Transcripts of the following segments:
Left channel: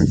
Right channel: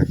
เลย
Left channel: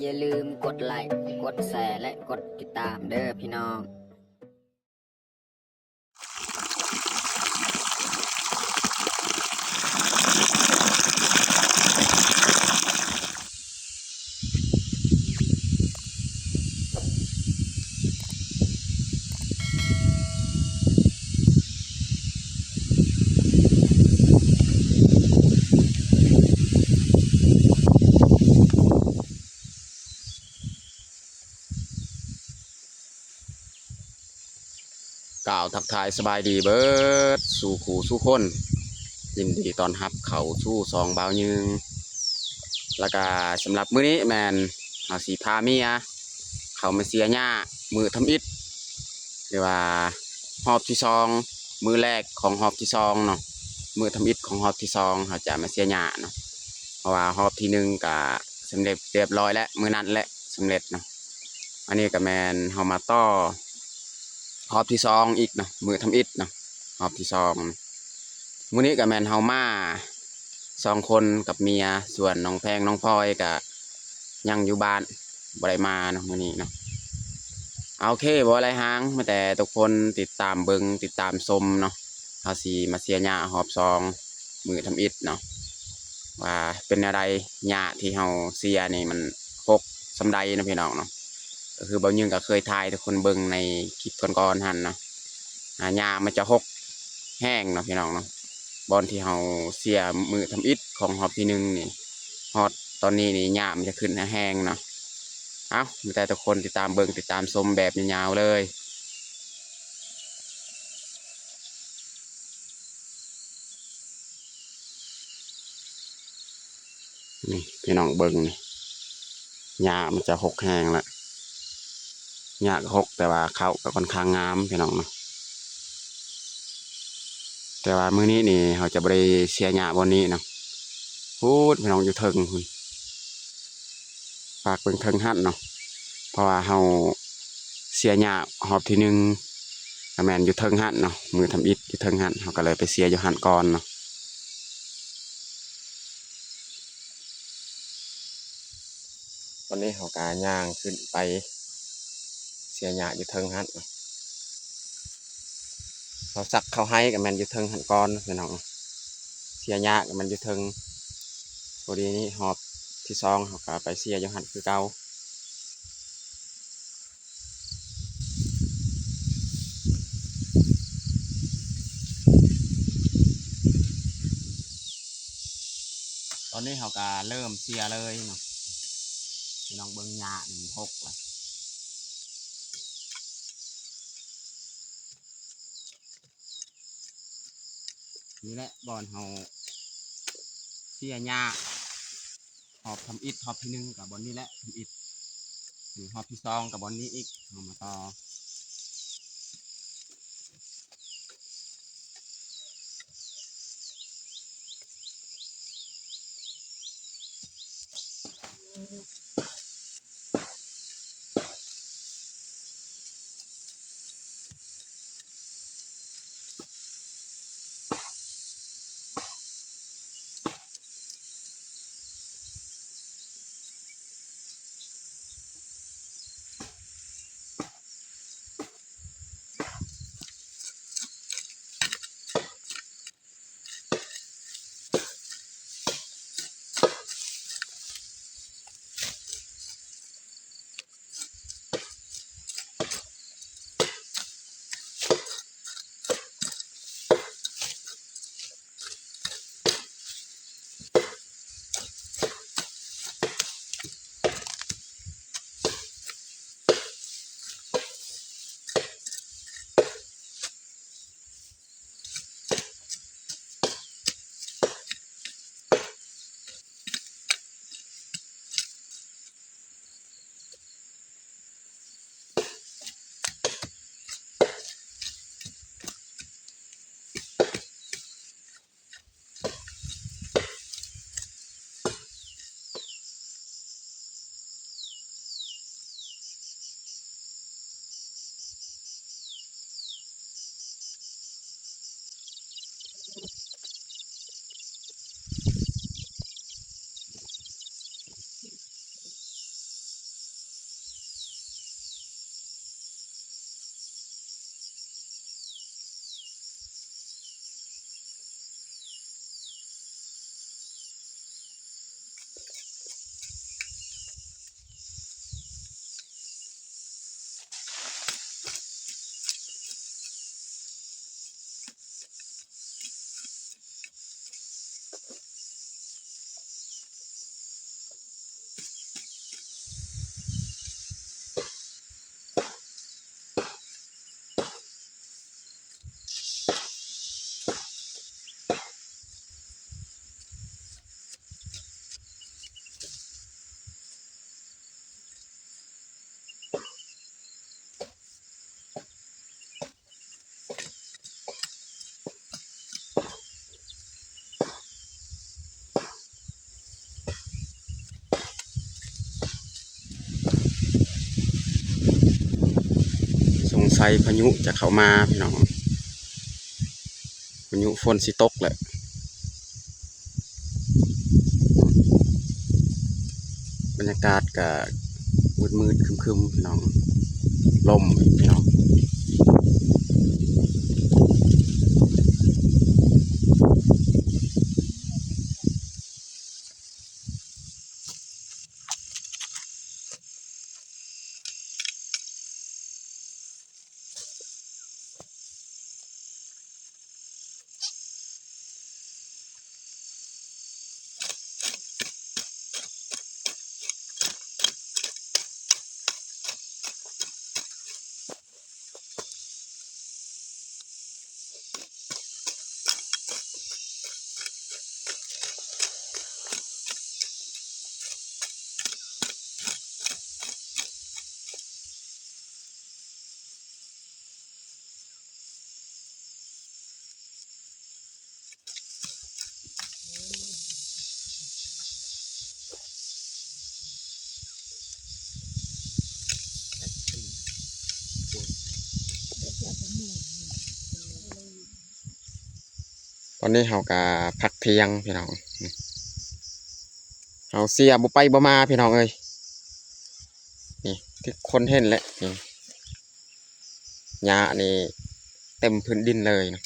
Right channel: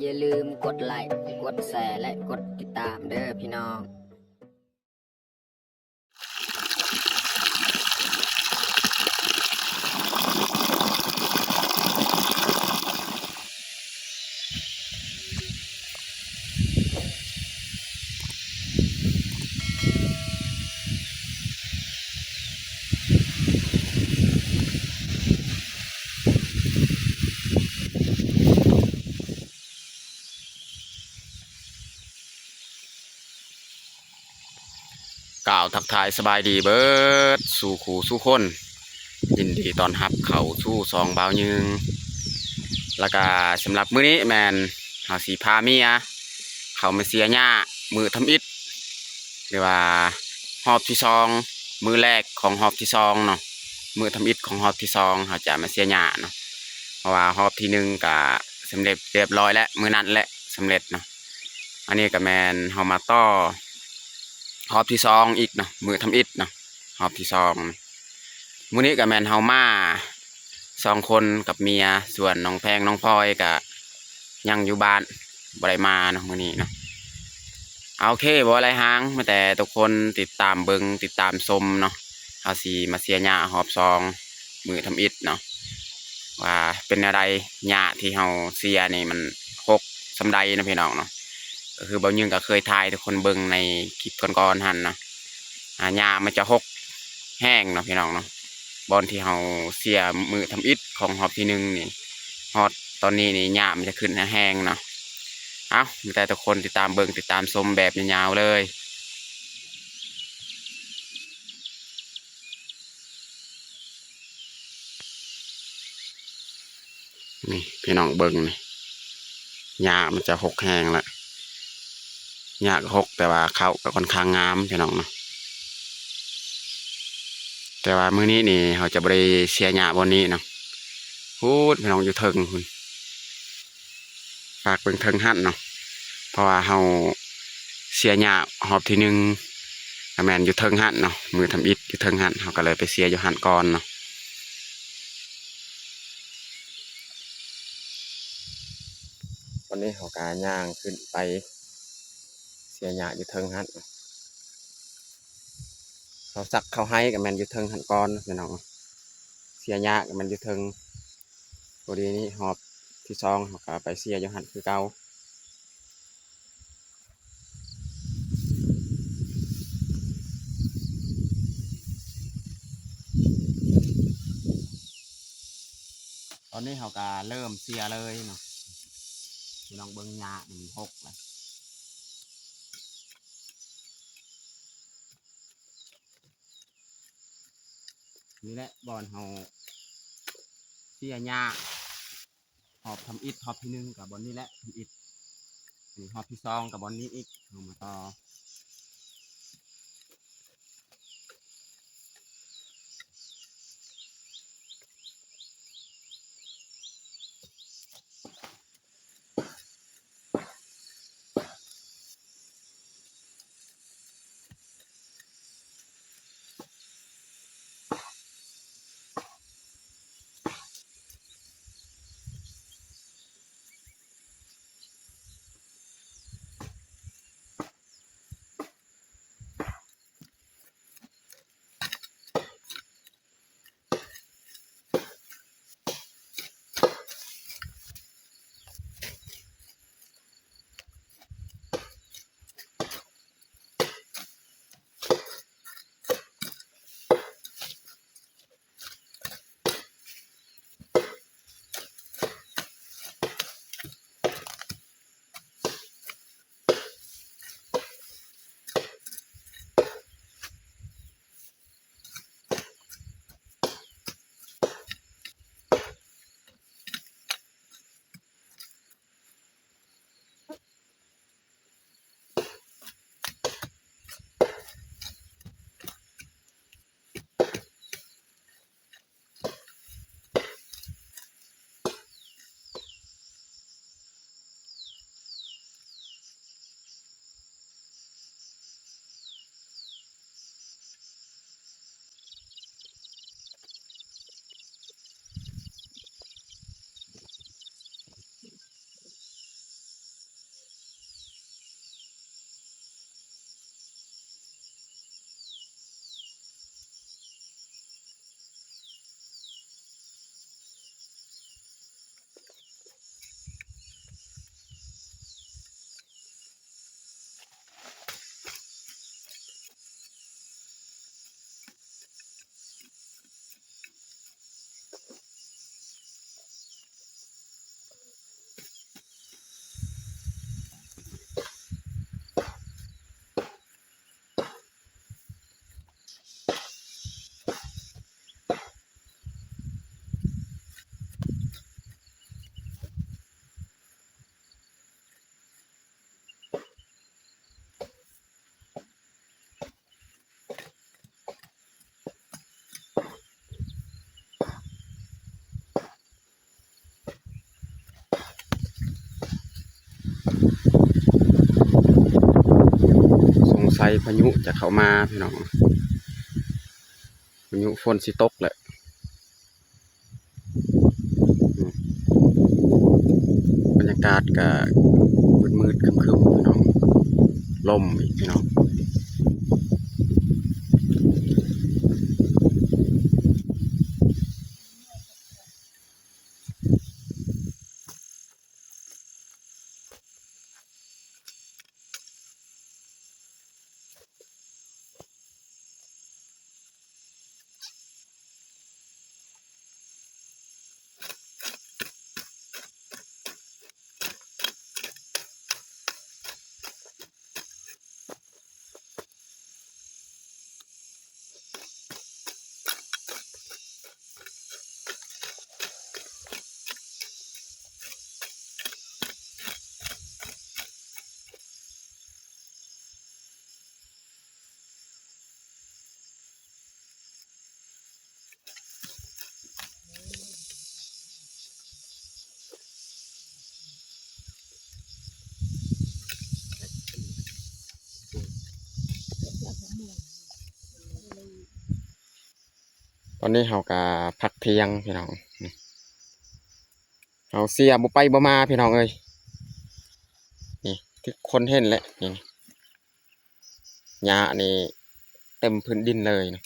อย่าลืมกดไลค์กดแชร์และกดติดตามเด้อพี่น้องกล่าวทักทายสบายดีเบิดสู่ขู่สู่คนยินดีตอนรับเขาสู่ซองบ่าวยึงแล้วก็สำหรับมื้อนี้แมนเฮาสีพาเมียเขามาเสียหญ้ามือทำอิฐหรือว่าหอบที่ซองมือแรกของหอบที่ซองเนาะมือทำอิฐของหอบที่ซองเขาจะมาเสียหญ้าเนาะเพราะว่าหอบที่หนึ่งก็สำเร็จเรียบร้อยแล้วมือนั้นแหละสำเร็จเนาะอันนี้ก็แมนเฮามาต่อหอบที่ซองอีกเนาะมือทำอิฐเนาะหอบที่ซองมื้อนี้ก็แมนเฮามา2 คนกับเมียส่วนน้องแพงน้องพลอยก็ยังอยู่บ้านบ่ได้มาเนาะมื้อนี้เนาะโอเคบ่อะไรหางมาแต่ทุกคนติดตามเบิ่งติดตามชมเนาะเฮาสิมาเสียหญ้าหอบซองมือทำอิฐเนาะว่าเป็นอะไรหญ้าที่เฮาเสียนี่มันหกสำใดนะพี่น้องเนาะก็คือบ่าวยึงก็เคยถ่ายทุกคนเบิ่งในคลิปก่อนๆหั่นเนาะหญ้ามันจะหกแห้งเนาะพี่น้องเนาะบอนที่เฮาเสียมือทำอิฐของหอบที่หนึ่งนี่ฮอดตอนนี้นี่หญ้ามันจะขึ้นแห้งเนาะเอาแต่ทุกคนติดตามเบิ่งติดตามชมแบบยาวๆเลยนี่พี่น้องเบิ่งนี่หญ้ามันจะหกแห้งละหญ้าก็หกแต่ว่าเขาก็ค่อนข้างงามพี่น้องเนาะแต่ว่ามื้อนี้นี่เขาจะบ่ได้เสียหญ้าบนนี้เนาะพูดพี่น้องอยู่เทิงคุณฝากเบิ่งเทิงหั่นเนาะเพราะว่าเฮาเสียหญ้าหอบที่หนึ่งก็แม่นอยู่เทิงหั่นเนาะมือทำอิฐอยู่เทิงหั่นเขาก็เลยไปเสียอยู่หั่นก่อนเนาะตอนนี้เขากาย่างขึ้นไปเสียหญ้าอยู่เทิงหั่นเขาสักเขาให้ก็แม่นอยู่เทิงหั่นก่อนพี่น้องเสียหญ้าก็แม่นอยู่เทิงพอดีนี้หอบที่ซองเขาก็ไปเสียอยู่หั่นคือเก่าตอนนี้เขาก็เริ่มเสียเลยเนาะพี่น้องเบิ่งหญ้านี่มันหกเลยนี่แหละบอนเขาเสียหญ้าหอบทำอิฐหอบที่หนึ่งกับบอนนี้แหละทำอิฐหอบที่ซองกับบอนนี้อีกเอามาต่อ สัยพายุจะเข้ามาพี่น้องพายุฝนสิตกแหละบรรยากาศก็มืดๆครึมๆพี่น้องลมอีกพี่น้องตอนนี้เฮาก็พักเที่ยงพี่น้องเฮาเสียบ่ไปบ่มาพี่น้องเอ้ยนี่ที่คนเห็นแหละนี่หญ้านี่เต็มพื้นดินเลยนะ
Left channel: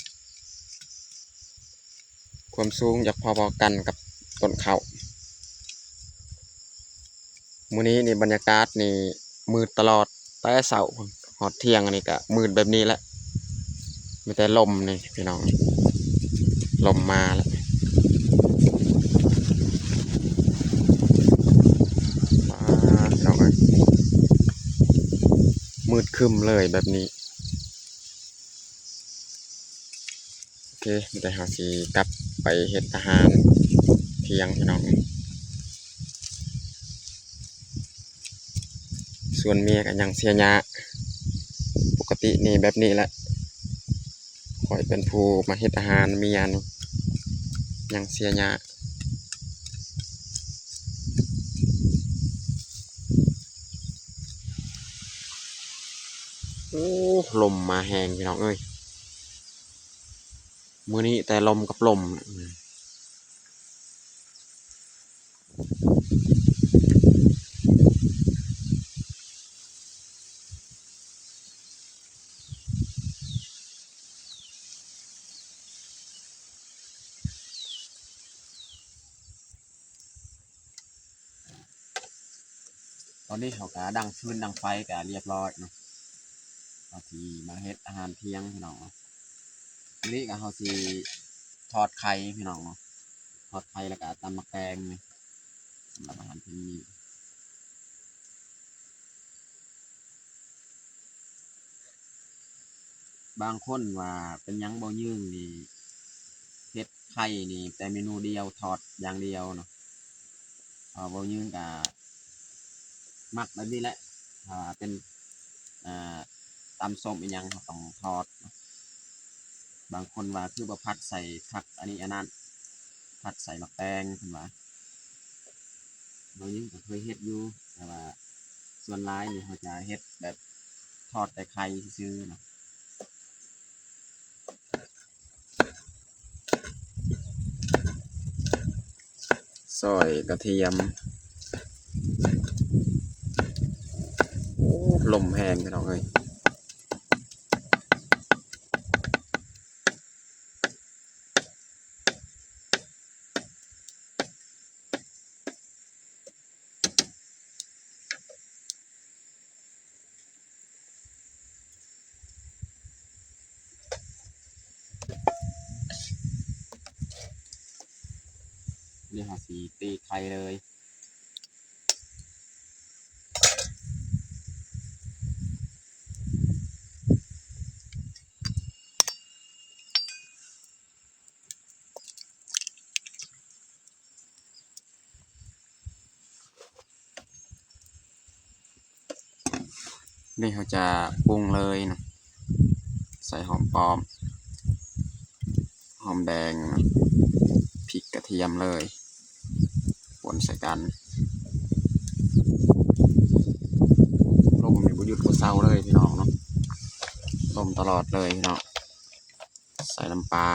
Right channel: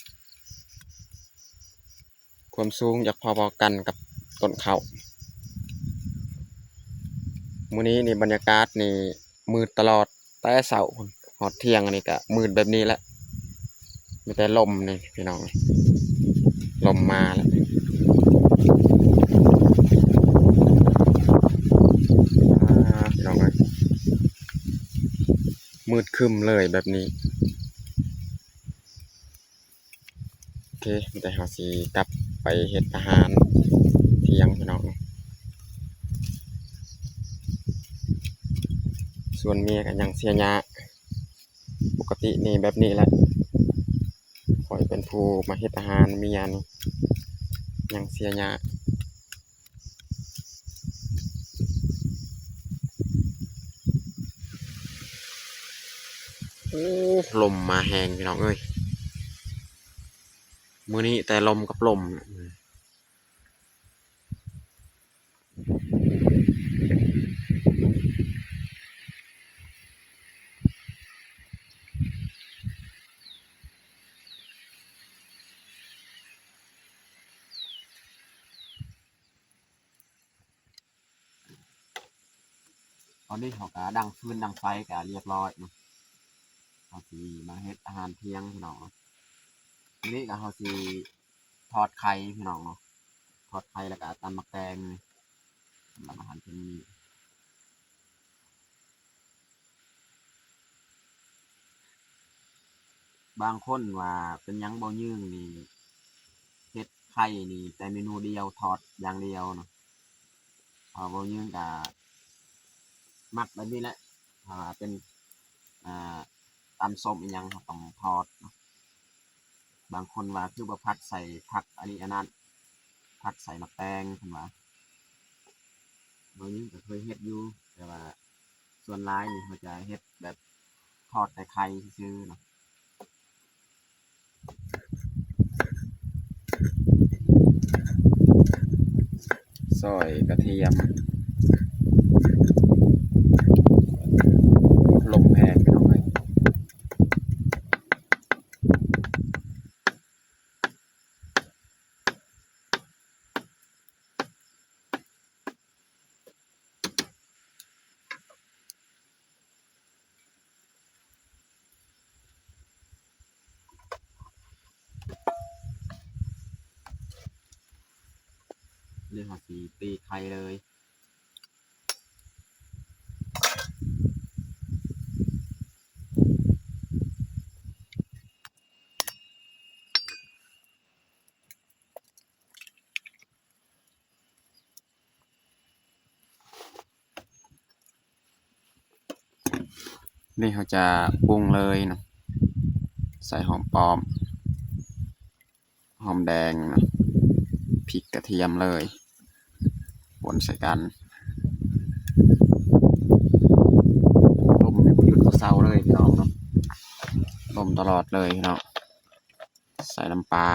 ความสูงอยากพอๆกันกับต้นข้าวมื้อนี้นี่บรรยากาศนี่มืดตลอดแต่เช้าพุ่นฮอดเที่ยงอันนี้ก็มืดแบบนี้แหละมีแต่ลมนี่พี่น้องลมมาแล้วพี่น้องเอ้ยมืดครึ้มเลยแบบนี้โอเคมีแต่เฮาสิกลับไปเฮ็ดอาหารเที่ยงพี่น้องส่วนเมียก็ยังเสียหญ้าปกตินี่แบบนี้แหละข่อยเป็นผู้มาเฮ็ดอาหารเมียนี่ยังเสียหญ้าโอ้ลมมาแหงพี่น้องเอ้ยมื้อนี้แต่ลมกับลมน่ะตอนนี้เขาก็ดังฟืนดังไฟก็เรียบร้อยเนาะเขาสิมาเฮ็ดอาหารเที่ยงพี่น้องเนาะทีนี้ก็เขาสิทอดไข่พี่น้องเนาะทอดไข่แล้วก็ตำมักแตงนี่สำหรับอาหารเที่ยงนี้บางคนว่าเป็นหยังบ่ยืงนี่เฮ็ดไข่นี่แต่เมนูเดียวทอดอย่างเดียวเนาะบ่ยืงก็มักแบบนี้แหละถ้าว่าเป็นอ่าตำส้มอีหยังเขาต้องทอดเนาะบางคนว่าคือบ่ผัดใส่ผักอันนี้อันนั้นผัดใส่มักแตงเพิ่นว่าบ่ยืงก็เคยเฮ็ดอยู่แต่ว่าส่วนหลายนี่เขาจะเฮ็ดแบบทอดแต่ไข่ซื่อๆเนาะซอยกระเทียมลมแห้งพี่น้องเอ้ยเรียกว่าสีตีไข่เลยนี่เขาจะปรุงเลยเนาะใส่หอมปลอมหอมแดงนะพริกกระเทียมเลยป่นใส่กันลมมีประยุทธ์ก็เศร้าเลยพี่น้องเนาะ ต้มตลอดเลยพี่น้องใส่น้ำปลา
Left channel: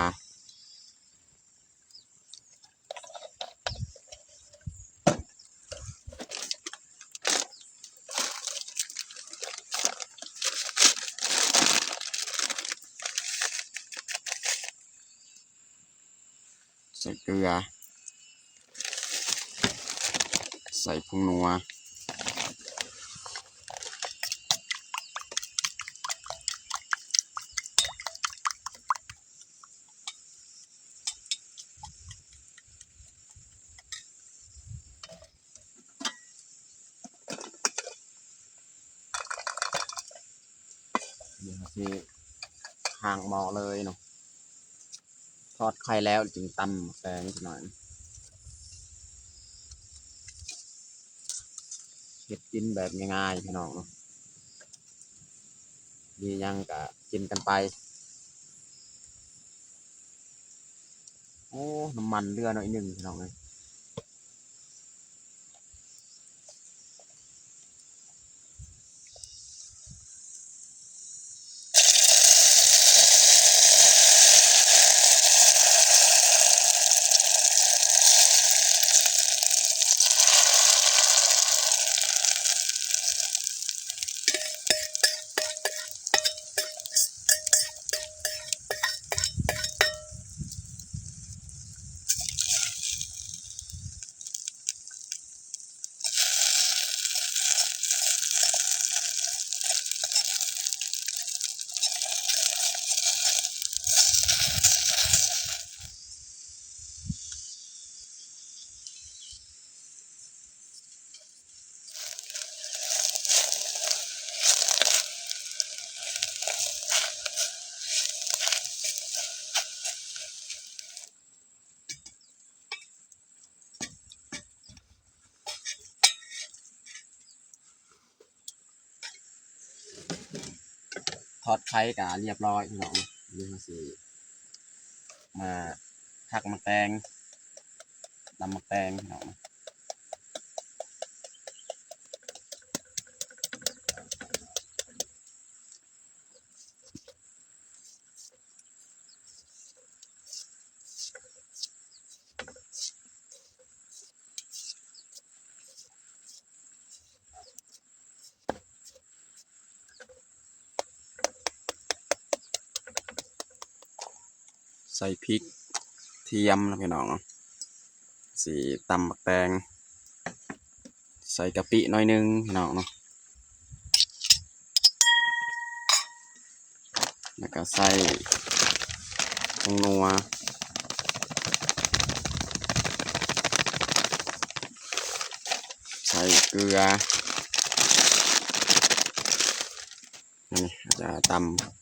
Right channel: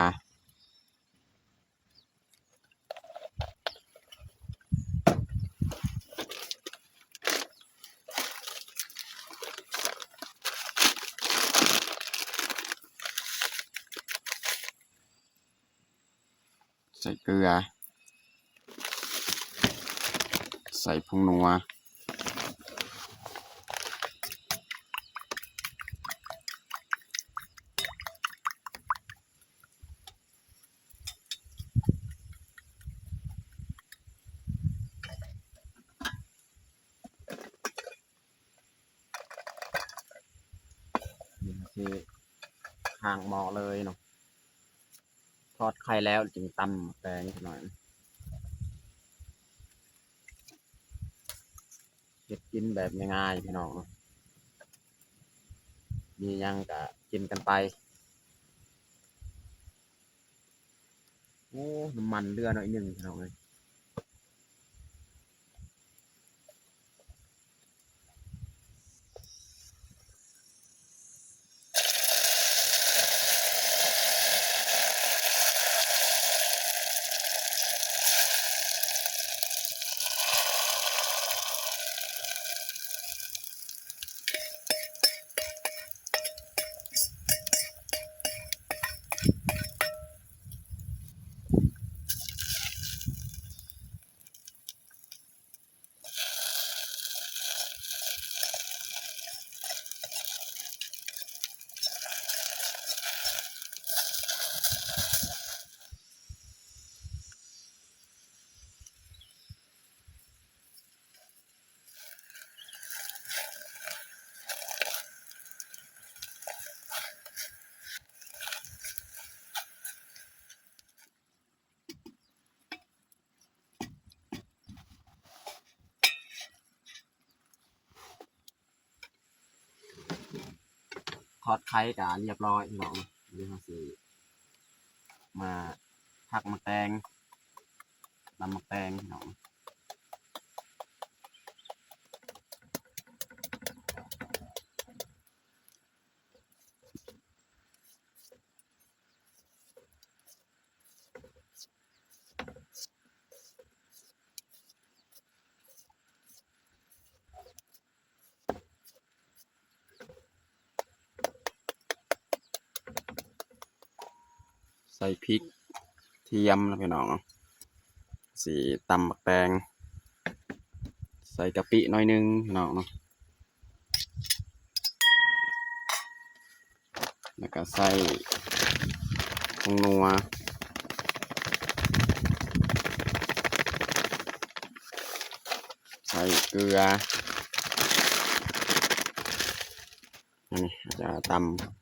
ใส่เกลือใส่ผงนัวนี่ครับที่ห่างหม้อเลยเนาะทอดไข่แล้วจึงตำแตงหน่อยเฮ็ดกินแบบง่ายๆพี่น้องเนาะมีหยังก็กินกันไปโอ้น้ำมันเรือหน่อยหนึ่งพี่น้องเลยทอดไข่ก็เรียบร้อยพี่น้องนี่เขาสิมาผักมะแตงตำมะแตงพี่น้องใส่พริกเทียมนะพี่น้องสีตำมะแตงใส่กะปิหน่อยนึงพี่น้องเนาะแล้วก็ใส่ผงนัวใส่เกลือนี่จะตำ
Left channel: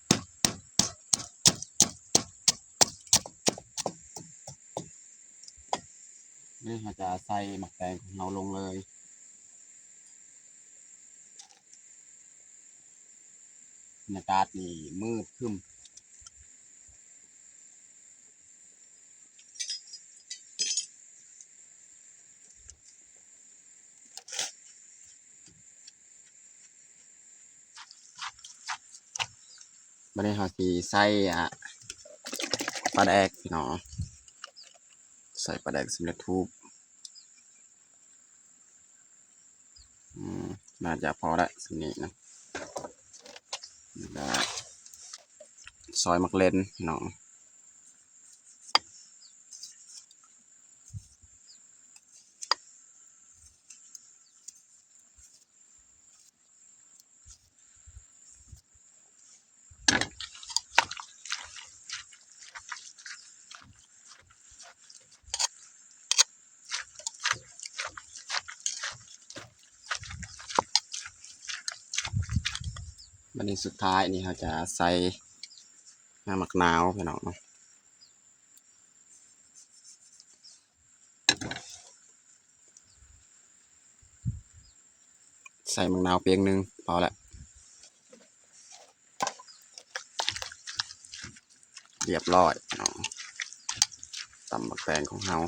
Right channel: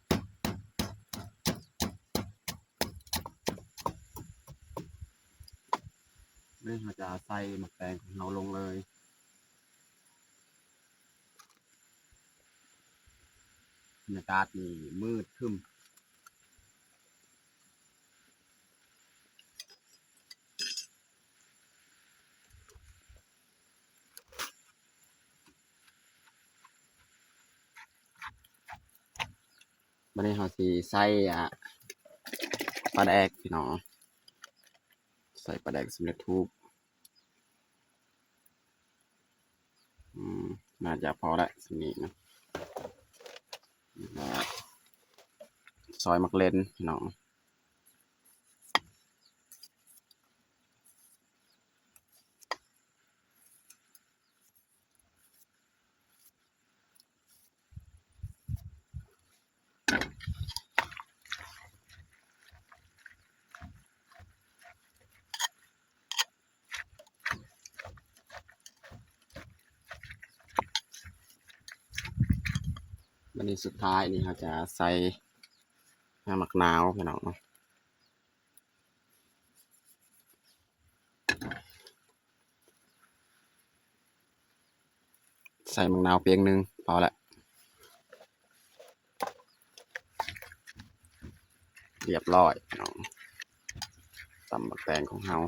นี่เราจะใส่หมักแตงของเราลงเลยบรรยากาศนี่มืดครึ้มบันนี้เราสีใส่ปลาแดกพี่น้องใส่ปลาแดกสำเร็จรูปน่าจะพอละสินี้นะแล้วซอยมักเล่นพี่น้องบันนี้สุดท้ายนี่เราจะใส่น้ำมะนาวพี่น้องเนาะใส่มะนาวเพียงหนึ่งพอละเรียบร้อยพี่น้องตำบักแตงของเรา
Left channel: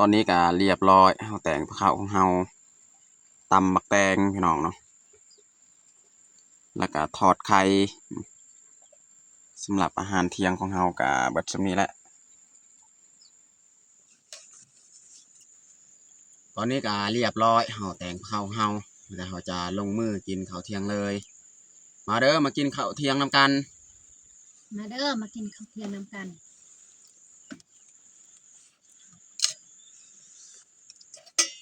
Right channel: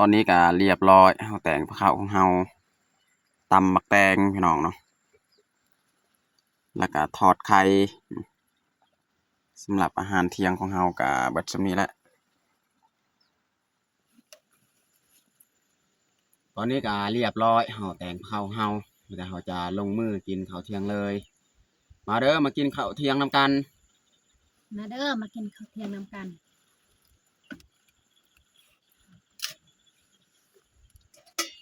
อนนี้ก็เรียบร้อยเฮาแต่งข้าวของเฮาตำบักแตงพี่น้องเนาะแล้วก็ทอดไข่สำหรับอาหารเที่ยงของเฮาก็เบิดส่ำนี้แหละตอนนี้ก็เรียบร้อยเฮาแต่งข้าวของเฮาแต่เฮาจะลงมือกินข้าวเที่ยงเลยมาเด้อมากินข้าวเที่ยงนำกัน มาเด้อมากินข้าวเที่ยงนำกัน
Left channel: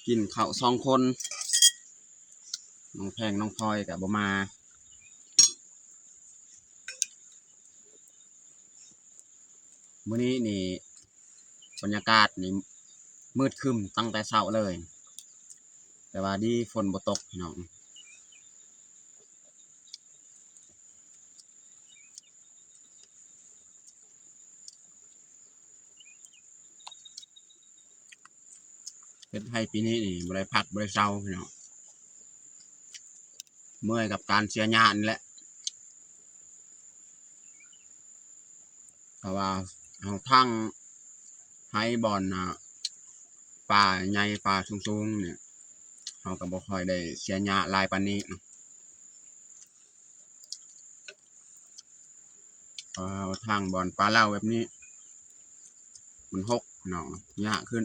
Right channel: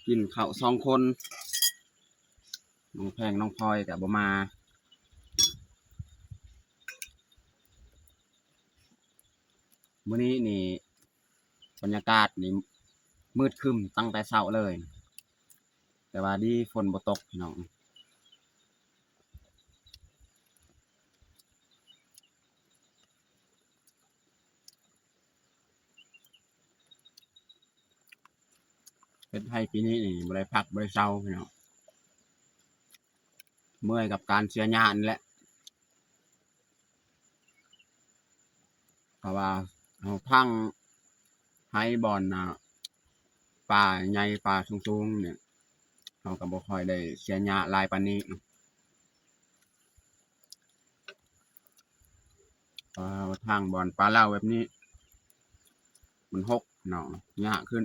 กินข้าว2 คนน้องแพงน้องพลอยกับบ่มามื้อนี้นี่บรรยากาศนี่มืดครึ้มตั้งแต่เช้าเลย แต่ว่าดีฝนบ่ตกพี่น้องเป็นไทยปีนี้นี่บ่ได้พักบ่ได้เช้าพี่น้องเมื่อยกับการเสียหญ้านี่แหละเพราะว่าเอาทั้งให้บอนป่าใหญ่ป่าสูงๆเนี่ยเราก็บ่ค่อยได้เสียหญ้าหลายปานนี้เนาะทางบอนปลาเล่าแบบนี้มันหกเนาะหญ้าขึ้น